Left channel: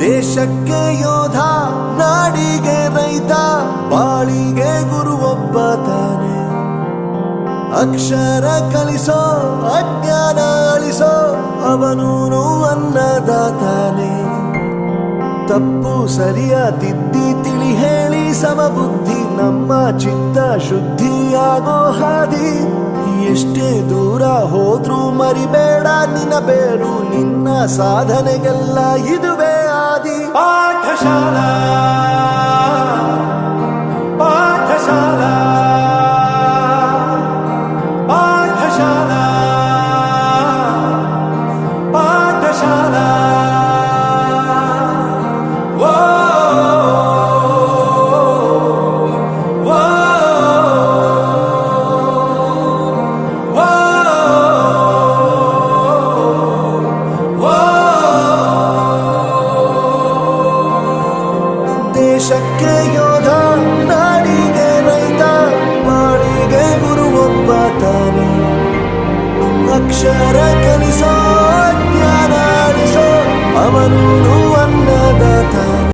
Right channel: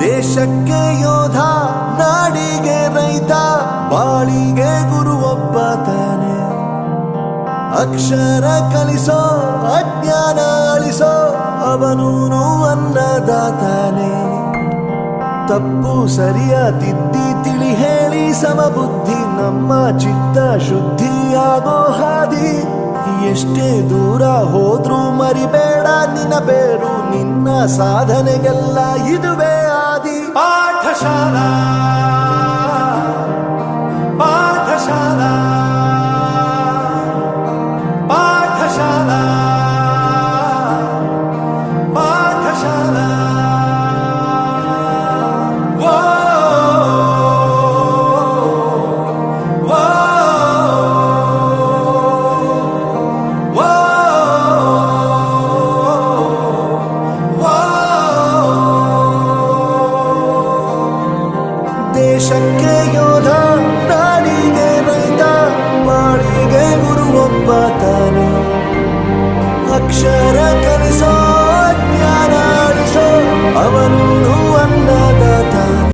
ದೇಶಕ್ಕೆ ಯೋಧ, ನಾಡಿಗೆ ರೈತ, ಬಾಳಿಗೆ ಗುರು ಒಬ್ಬ ತಾನೆ. ಅಕ್ಷರ ಕಲಿಸೋ, ಅಜ್ಞಾನ ಅಳಿಸೋ, ಅವನೂನು ಅನ್ನದಾತಾನೆ. ತಪ್ಪು ಸರಿಯ ತಿದ್ದಿ ತಿಳಿ ಹೇಳಿ ಸಮಬುದ್ಧಿ, ನಮ್ಮ ಚಿತ್ತ ಶುದ್ಧಿಯಾಗೋ ಹಾದಿ. ಎಷ್ಟೇ ದೂರ ಹೋದ್ರೂ ಮರಿಬೇಡ ನಿನ್ನ ಬೇರು, ನಿನ್ನ ಸಾಧನೆಗೆಲ್ಲ ಇದುವೇ ಆದಿ. ಪಾಠಶಾಲಾ ಪಾಠಶಾಲಾ ಪಾಠಶಾಲಾ ಪಾಠಶಾಲಾ. ದೇಶಕ್ಕೆ ಯೋಧ, ನಾಡಿಗೆ ರೈತ, ಬಾಳಿಗೆ ಗುರು ಒಬ್ಬ ತಾನೆ. ಅಕ್ಷರ ಕಲಿಸೋ, ಜ್ಞಾನ ಅಳಿಸೋ, ಅವನೂನು ಅನ್ನದಾತಾನೆ.